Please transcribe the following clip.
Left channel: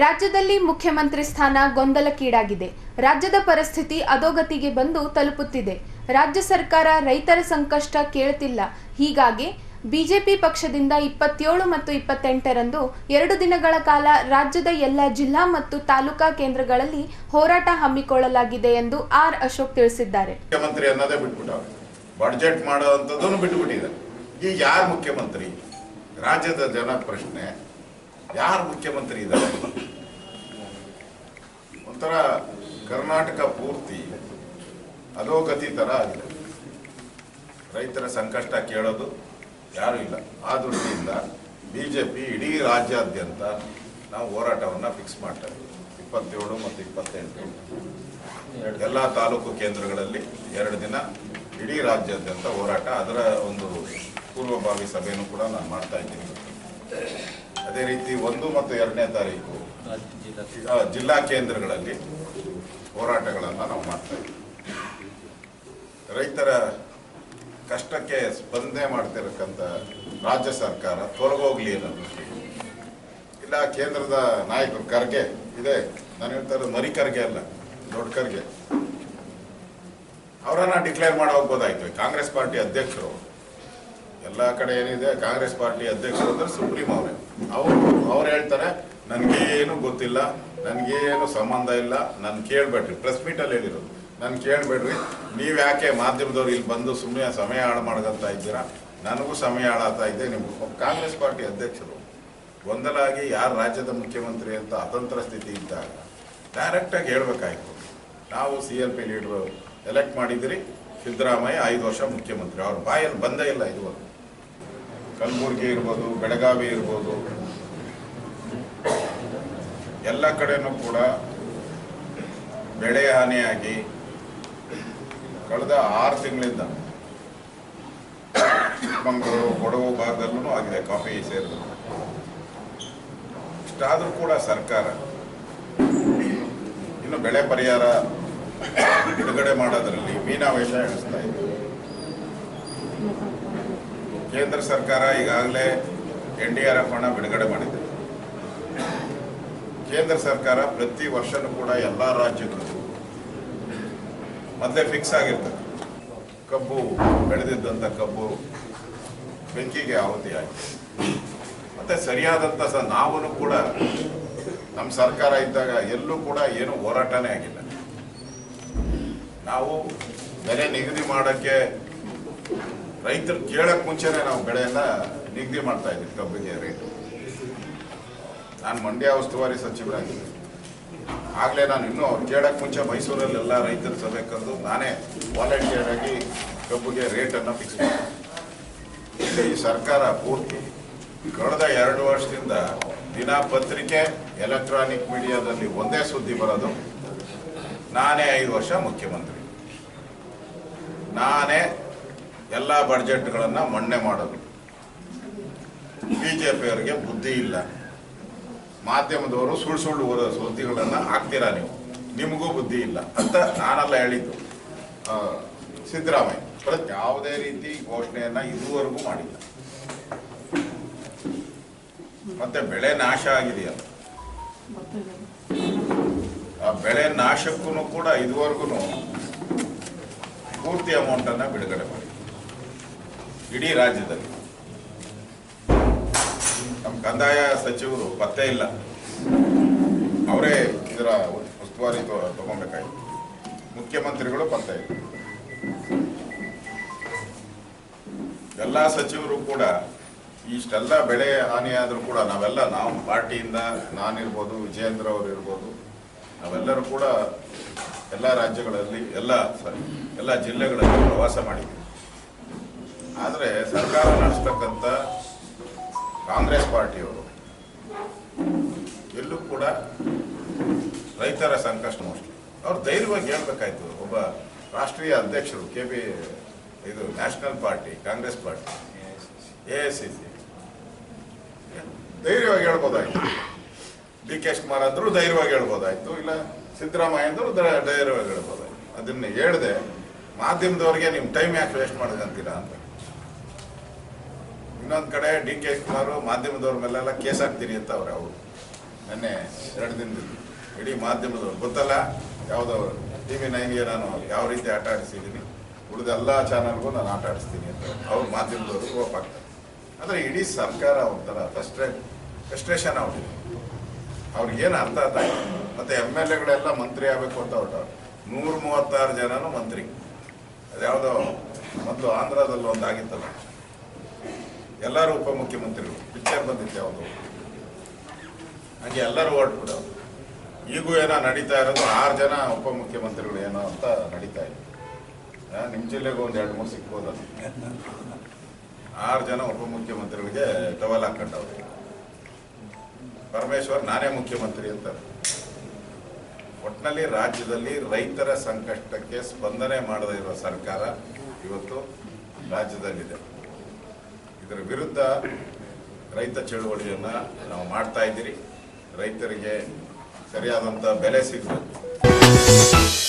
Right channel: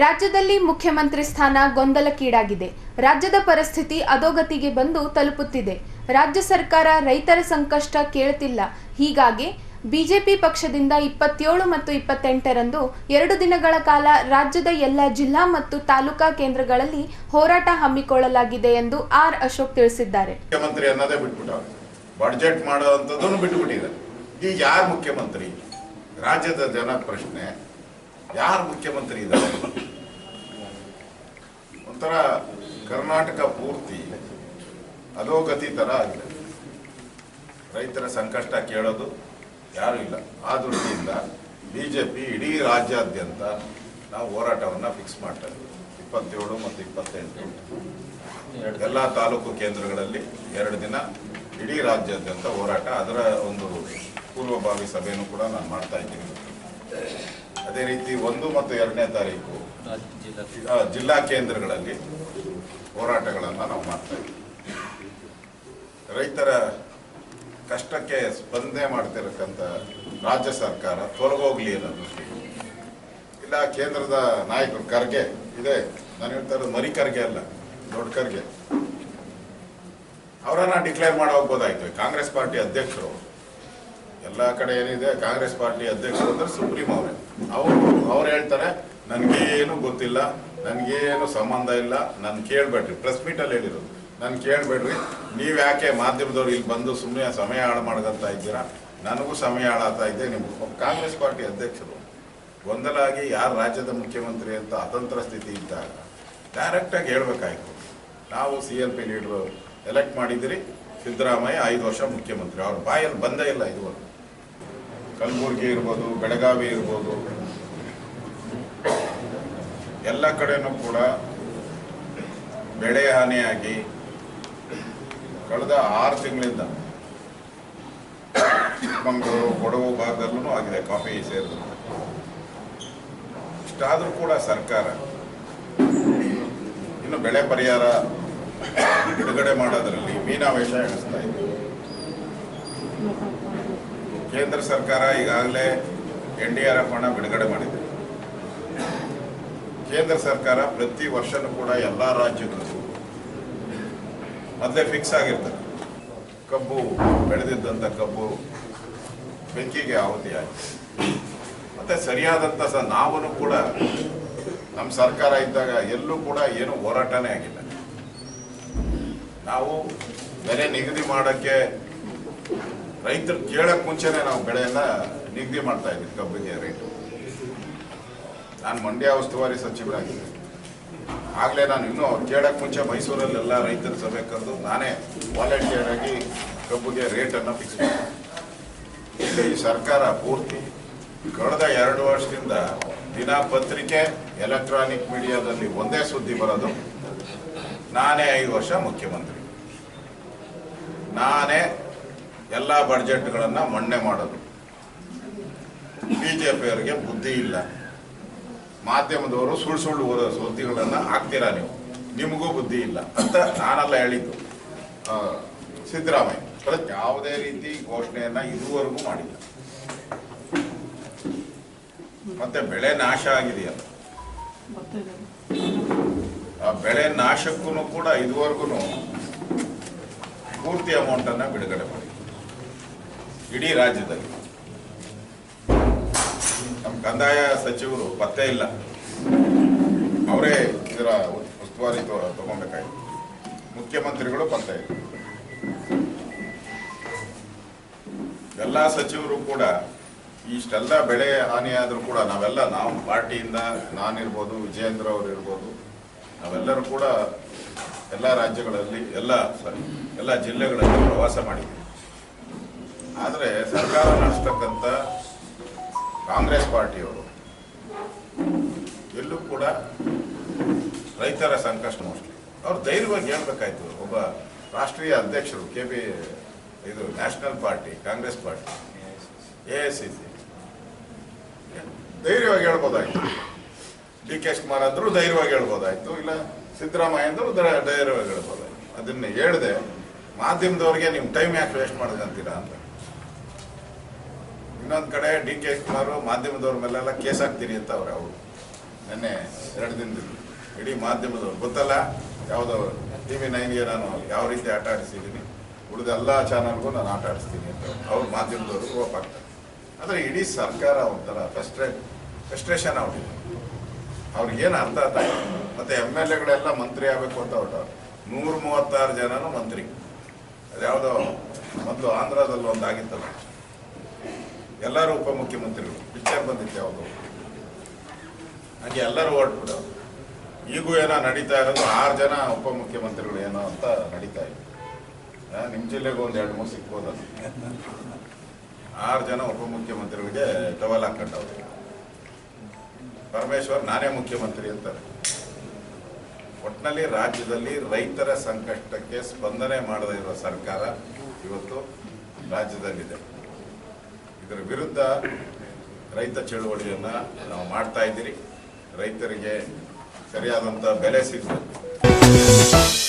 ರಾಜ್ಯದಲ್ಲಿ ಮುಖ್ಯಮಂತ್ರಿ ಸ್ಥಾನ ಗೊಂದಲಕ್ಕೀಡಾಗಿದೆ. ರಾಜ್ಯದ ಪರಿಸ್ಥಿತಿ ಅಧೋಗತಿಗೆ ಬಂದು ತಲುಪುತ್ತಿದೆ. ರಾಜ್ಯ ಸರ್ಕಾರ ರೈತರ ಸಂಕಷ್ಟ ಕೇಳುತ್ತಿಲ್ಲ. ಹೀಗಾಗಿ ಬಿಜೆಪಿ ಪಕ್ಷದಿಂದ 27 ಮತ್ತು 28ರಂದು 2 ದಿನಗಳ ಕಾಲ ರಾಜ್ಯದ ಎಲ್ಲ ಜಿಲ್ಲಾ ಮತ್ತು ತಾಲೂಕಾ ಕೇಂದ್ರಗಳಲ್ಲಿ ಹೋರಾಟ ಹಮ್ಮಿಕೊಳ್ಳಲಾಗಿದೆ ಎಂದು ಆರ್ ಅಶೋಕ್ ತಿಳಿಸಿದ್ದಾರೆ. ಮುಖ್ಯಮಂತ್ರಿ ಅನ್ನೋದೇ ಬಿಟ್ಬಿಟ್ಟವ್ರೆ, ಬಡ್ಜೆಟ್ ಮಾಡುವಂಥದ್ದನ್ನು ಬಿಟ್ಟುಬಿಟ್ಟಿದ್ದಾರೆ. ಈಗ ಯಾರು ಮುಖ್ಯಮಂತ್ರಿ? ರಾಜ್ಯದ ಜನ ಪ್ರಶ್ನೆ, ಯಾರು ಮುಖ್ಯಮಂತ್ರಿ ಇದ್ದಾರೆ? ಒಂಥರ ಕರ್ನಾಟಕ ಪೂರ್ತಿ ಅಧೋಗತಿ ಥರ ಆಗಿದೆ. ರೈತರ ಸಂಕಷ್ಟ ಕೇಳೋದು ಯಾರೂ ಇಲ್ಲ. ಆ ದೃಷ್ಟಿಯಿಂದ ಬಿಜೆಪಿ ಇಡೀ ರಾಜ್ಯಾದ್ಯಂತ ನಾವು ಹೋರಾಟವನ್ನು ಫಿಕ್ಸ್ ಮಾಡ್ತಾ ಇದ್ದೀವಿ. 27 ಮತ್ತು 28 ಎಲ್ಲ ತಾಲೂಕು ಕೇಂದ್ರಗಳಲ್ಲಿ 2 ದಿನ ಇಡೀ ರಾಜ್ಯಾದ್ಯಂತ ಹೋರಾಟ. ಅದರ ಒಂದು ಪೂರ್ವಭಾವಿ ಸಭೆಯನ್ನು ಕೂಡ ನಾನು ಮಾಡ್ತಾ ಇದ್ದೀನಿ. ಅದೇ ರೀತಿ 1 ಮತ್ತು 2ನೇ ತಾರೀಕು ಜಿಲ್ಲಾ ಕೇಂದ್ರಗಳಲ್ಲಿ ಹೋರಾಟಗಳನ್ನು ನಾವು ಮಾಡ್ತಾ ಇದ್ದೀವಿ. ರೈತರ ಕಷ್ಟಕ್ಕೆ ಸ್ಪಂದನೆ ಮಾಡ್ತಿರಕ್ಕಂಥ ರಾಜ್ಯ ಸರ್ಕಾರ ತೊಲಗೋಗ್ಲಿ ಅನ್ನೋ ದೃಷ್ಟಿ ಇಲ್ಲ. ಕೇಂದ್ರದ ನಾಯಕರು ಖರ್ಗೆ ಇದೆ, ನಾನು ಹೇಳ್ತಾ ಇರೋದು ಮರಿ ಖರ್ಗೆ ಅಲ್ಲ, ದೊಡ್ಡ ಖರ್ಗೆ, ಅವರನ್ನ ಡಿಕ್ಲೇರ್ ಮಾಡಿ ಹೋಗ್ಬೋದಾಯ್ತು. ಕಾಂಗ್ರೆಸ್ ಪಾರ್ಟಿ ಅಧ್ಯಕ್ಷರು ಎಲ್ಲ ಕಡೆ ಏನಿದೆ, ಕಾಂಗ್ರೆಸ್ ಪಾರ್ಟಿ ಅಧ್ಯಕ್ಷರು ಅಂದ್ರೆ ಸುಪ್ರೀಂ ಅವರೇ. ಅವ್ರು ಹೇಳ್ತಾರೆ ನನಗೇನು ಗೊತ್ತಿಲ್ಲ, ನನಗೇನು ಸಂಬಂಧ ಇಲ್ಲ, ನಾನು ಕೇಳಬೇಡ್ರಿ. ಪ್ರೆಸ್ ಮೀಟಲ್ಲಿ ಹೇಳಿರೋದು, ನಾನು ಕೇಳಬೇಡ್ರಿ, ನೀವು ಯಾಕೆ ಮಾಧ್ಯಮದವ್ರು ಇಲ್ಲಿ ಬಂದು ಸುಮ್ಮನೆ ಸಮಯ ಹಾಳು ಮಾಡ್ಕೊಂತ ಇದ್ದೀರಾ? ನನಗೂ ಸಮಯ ಹಾಳಾಗ್ತಾ ಇದೆ. ನಿಮ್ಮ ಕಾಂಗ್ರೆಸ್ ಪಾರ್ಟಿ ಅಧ್ಯಕ್ಷರು ಗೊಂದಲ ಆಗಿ ಯಾರು ರಾಜ್ಯದ ಮುಖ್ಯಮಂತ್ರಿ ಅಂತ ಅತಂತ್ರ ಸ್ಥಿತಿ ಇದ್ದಾಗ ಡೈರೆಕ್ಟಾಗಿ ಹೇಳ್ಬೇಕಾಯ್ತು. ನಾವು CLP ಲೀಡ್ರು ಎಲೆಕ್ಟ್ ಮಾಡಿದ್ದೀರಿ, ಸಿದ್ದರಾಮಯ್ಯ 5 ವರ್ಷ ಮುಖ್ಯಮಂತ್ರಿ. ಅವ್ರ ಬಾಯಲ್ಲಿ ಬಂದೇ ಇಲ್ಲ ಇದುವರೆಗೂ. ಕಲಬುರಗಿ ಇರ್ಬೋದು, ಬೆಳಗಾವಿ ಇರ್ಬೋದು, ಎಲ್ಲ ಕಡೆನೂ ಕೂಡ ಬೆಳೆ ಹಾನಿಯಾಗಿ ಕಳೆದ 6 ತಿಂಗಳಿಂದ ಚಿಕ್ಕಮಗಳೂರು, ಕೊಡಗು ಭಾಗದಲ್ಲೂ ಆಗಿದೆ, ಕಾಫಿ ಸೇರಿದಂತೆ. ಇಷ್ಟಾದರೂ ಕೂಡ ಸರ್ಕಾರ ಇನ್ನು ಬೆಳೆ ಪರಿಹಾರ ಬಿಡುಗಡೆ ಮಾಡೋದ್ರಲ್ಲಿ ಮೀನಾವೇಶ ಎಣಿಸ್ತಾ ಇದೆ. ಕೇಂದ್ರ ಸರ್ಕಾರ ಈಗಾಗಲೇ NDRF ಹಣ ಬಿಡುಗಡೆ ಮಾಡಿದೆ. ಕೇಂದ್ರ ಸರ್ಕಾರ ಪ್ರತಿ ವರ್ಷನೂ ಕೂಡ ಎಲ್ಲ ರಾಜ್ಯಗಳಿಗೂ ಮೊದಲೇ ಫಿಕ್ಸ್ ಆಗಿರ್ತದೆ. ಕಬ್ಬು ಬೆಳೆದಿದ್ದಂಥ ಕಬ್ಬು ಬೆಂಕಿಗೆ ಆಹುತಿಯಾಗಿದೆ. ಮತ್ತು ಸರಿಯಾದಂಥ ನಾವೂ ಕೂಡ ನಮ್ಮ ಸರ್ಕಾರ ಇದ್ದಾಗ ಎಲ್ಲೂ ಕೂಡ ಏನೂ ಹೋರಾಟನೇ ಆಗಿಲ್ಲ. ನಾವು ಬೆಲೆ ನಿಗದಿ ಮಾಡೋಕ್ಕೆ ರೈತರು ಕೇಳೋಕ್ಕೆ ಮುಂಚೆನೇ ನಾವು ಬೆಳೆಯನ್ನು ನಿಗದಿ ಮಾಡ್ತಾ ಇದ್ವಿ. ಕಬ್ಬಿಗೆ ರೇಟು ನಾನು ಮಂಡ್ಯ ಉಸ್ತುವಾರಿ ಸಚಿವರಾಗಿದ್ದೆ. ಆಗಲೇ ನಾನು ಇನ್ನೂ ಅವ್ರು ಕೇಳೋಕ್ಕೆ ಮುಂಚೆ ಮೈಸೂರಲ್ಲೆಲ್ಲ ರೈತರ ಸಭೆ ಕರೆದು ನಾನೇ ವಾಲಂಟಿಯರ್ ಆಗಿ ಕಬ್ಬಿಗೆ ರೇಟನ್ನು ಫಿಕ್ಸ್ ಮಾಡಿದೆ. ಇಲ್ಲಿ ಈ ಸರ್ಕಾರ ಪೂರ್ತಿ ಕಳೆದ 2 ವರ್ಷದಿಂದ ದಿನಪತ್ರಿಕೆ, ಎಲೆಕ್ಟ್ರಾನಿಕ್ ಮೀಡಿಯಾದಲ್ಲಿ ಒಂದೇ ಸುದ್ದಿ ಬರೋದು, ನಾನೇ 5 ವರ್ಷ ಮುಖ್ಯಮಂತ್ರಿ, ನಾನೇ ಎಲ್ಲ ಬಡ್ಜೆಟ್ಗಳನ್ನು ಮನ್ನಣೆ ಮಾಡೋದು. ಬಿಜೆಪಿಯವರಿಗೆ ಬುದ್ಧಿ ಇಲ್ಲ, ಮಾಧ್ಯಮದವರು ಸುಳ್ಳು ಸುದ್ದಿಗಳನ್ನು ಹಾಕ್ತೀರಾ ನೀವು, ನಿಮಗೂ ಬುದ್ಧಿ ಇಲ್ಲ ಅಂತ ನಾನೆಲ್ಲ ಹೇಳಿದ್ದು. ಸಿದ್ದರಾಮಯ್ಯ ಯಾವುದೇ ರೀತಿ ಘೋಷಣೆಯನ್ನು ಇದುವರೆಗೂ ಮಾಡಿಲ್ಲ. ಮತ್ತೆ ಬೆಳೆ ನಾಶ ಆಗಿದೆಯಲ್ಲ, ಆ ಬೆಳೆ ನಾಶಕ್ಕೂ ಕೂಡ ಇದುವರೆಗೂ ಪೂರ್ತಿ ಅಮೌಂಟನ್ನು ಬಿಡುಗಡೆ ಮಾಡಿ ಇಡೀ ರಾಜ್ಯದಲ್ಲಿ. ನಮ್ಮ ಕಂದಾಯ ಸಚಿವರು ಪತ್ತೆ ಇಲ್ಲ, ಅವರೇ ಇದರ ಉಸ್ತುವಾರಿ ತಗೊಬೇಕಾಗಿತ್ತು. ಮುಖ್ಯಮಂತ್ರಿಗಳು ಪತ್ತೆ ಇಲ್ಲ. ಎಲ್ಲ ಸಚಿವರು ಕೂಡ ಇಷ್ಟೆಲ್ಲ ಬೆಳೆ ಹಾನಿಯಾದರೂ ಕೂಡ ನಾವು ಪಾರ್ಟಿಯಿಂದ, ನಾನಿರ್ಬೋದು, ವಿಜಯೇಂದ್ರ ಅವರು ಇರ್ಬೋದು, ನಾವೆಲ್ಲರೂ ಕೂಡ ಎಲ್ಲ ರಾಜ್ಯಗಳಲ್ಲಿ ಎಲ್ಲ ಜಿಲ್ಲೆಗಳಲ್ಲಿ ಪ್ರವಾಸ ಮಾಡಿದ್ದೀವಿ. ಆದರೆ ಸರ್ಕಾರ ನಡೆಸ್ತಕ್ಕಂಥ ಕಾಂಗ್ರೆಸ್ ಪಾರ್ಟಿಯವರು ಎಲ್ಲೂ ಕೂಡ ರೈತರ ಸಂಕಷ್ಟ ಮೋಸ್ಟ್ಲಿ ಅವ್ರು ಧೈರ್ಯವಾಗಿ ಹೇಳ್ಬೇಕಾಯ್ತು. ಒಬ್ಬ ರಾಷ್ಟ್ರೀಯ ಅಧ್ಯಕ್ಷರು ಇದು national party, Congress party, AICC ಧೈರ್ಯವಾಗಿ ಹೇಳ್ಬೋದಾಯ್ತು. DK ಶಿವಕುಮಾರ್ ಅಂದರೂ ಧೈರ್ಯವಾಗಿ ಹೇಳ್ಬೋದಾಯ್ತು, ಇಲ್ಲ ಸಿದ್ದರಾಮಯ್ಯ ಅಂದರೂ ಧೈರ್ಯವಾಗಿ ಹೇಳ್ಬೋದಾಯ್ತು. ಅದನ್ನು ಹೇಳ್ದೆ ಮಾಧ್ಯಮದವ್ರಿಗೆ ನಿಮ್ಮ ಟೈಮ್ ಯಾಕೆ ವೇಸ್ಟ್ ಮಾಡೋದಂತೀರಾ ಅಂತ. ಇನ್ನೊಂದು ಕಡೆ DK ಶಿವಕುಮಾರ್ ಮಾಧ್ಯಮದವ್ರ ಮೇಲೆಲ್ಲ ಕೇಸ್ ಹಾಕ್ತೀರಿ ಅಂತ ಅವರು ನೆನ್ನೆ 2 ದಿನದಿಂದ ಇಡೀ ಮಾಧ್ಯಮದವರು ಗೊತ್ತಲ್ಲ, ಯಾವುದೋ TV9ಗೆ ನಾನು ಯಾವ ರೀತಿ ಆಟ ಆಡಿಸಿದ್ದೀನಿ, ಉಳಿದ ಎಲ್ಲ ಚಾನಲ್ಗೂ ನಾನು ಆಟ ಆಡಿಸ್ತೀನಿ ಅಂತ ಅವ್ರ ಮಾಧ್ಯಮದವರು ರೋಪ್ ಆಗ್ತಾರೆ. ಆದರೆ ಇಡೀ ಸರ್ಕಾರ ಒಂಥರ ಫ್ರಸ್ಟ್ರೇಷನ್ ಆಗ್ಬಿಟ್ಟಿದೆ. ಅವ್ರಿಗೇನು ಅರ್ಥ ಆಗ್ತಾಯಿಲ್ಲ. ಮತ್ತು MLAಗಳೆಲ್ಲ ಮಂತ್ರಿ ಆಗಬೇಕು ಅಂತ ಹೊರಟವ್ರು. 136 ಜನನೂ ಮಂತ್ರಿ. ಅದ್ಯಾವುದೋ ಮೊದಲು ಆಂಧ್ರದಲ್ಲಿ ಒಂದು ಆಗಿತ್ತಲ್ಲ, ಎಲ್ಲರೂ ಉಪಮುಖ್ಯಮಂತ್ರಿಗಳು, ಪಿಕ್ಚರ್ ಬಂದಿತ್ತು ಯಾವುದು, ಹಾಗೆ ಎಲ್ಲರೂ ಹೊರಟ್ಬಿಡೋರು. ಈಗೂ ಏನೋ ನಡೀತಾ ಇರೋದು 6 ಜನ ಉಪಮುಖ್ಯಮಂತ್ರಿಗಳು ಏನೋ ಅಂತ ನಡೀತಾ ಇದೆ. ನಿಮ್ಮ ಜಿಲ್ಲೆಗೂ ಒಂದು 2-3 ಸಿಗ್ಬೋದಲ್ಲ. 6 ಜನ ಉಪಮುಖ್ಯಮಂತ್ರಿಗಳಿಗೆ ಟವಲ್ ಹಾಕೊಂಡವ್ರು. ಪರಮೇಶ್ವರ್ ನಾನೇ ಮುಖ್ಯಮಂತ್ರಿ ಅಂತಾರೆ. ಒಟ್ಟಿನಲ್ಲಿ ರಾಜ್ಯದಲ್ಲಿ ರೈತರ ಸಂಕಷ್ಟಕ್ಕೆ ಸ್ಪಂದನೆ ಮಾಡದೇ ಇರೋ ಸರ್ಕಾರ ಇವತ್ತು ರಾಜ್ಯದಲ್ಲಿದೆ. ಇದರ ವಿರುದ್ಧ ರೈತ ಚಳುವಳಿಯನ್ನು ನಾವು ಮಾಡ್ತಾ ಇದ್ದೀರಿ. ರೈತರಿಗೆ ಸರಿಯಾದಂಥ ಬೆಲೆ ಸಿಗಬೇಕು.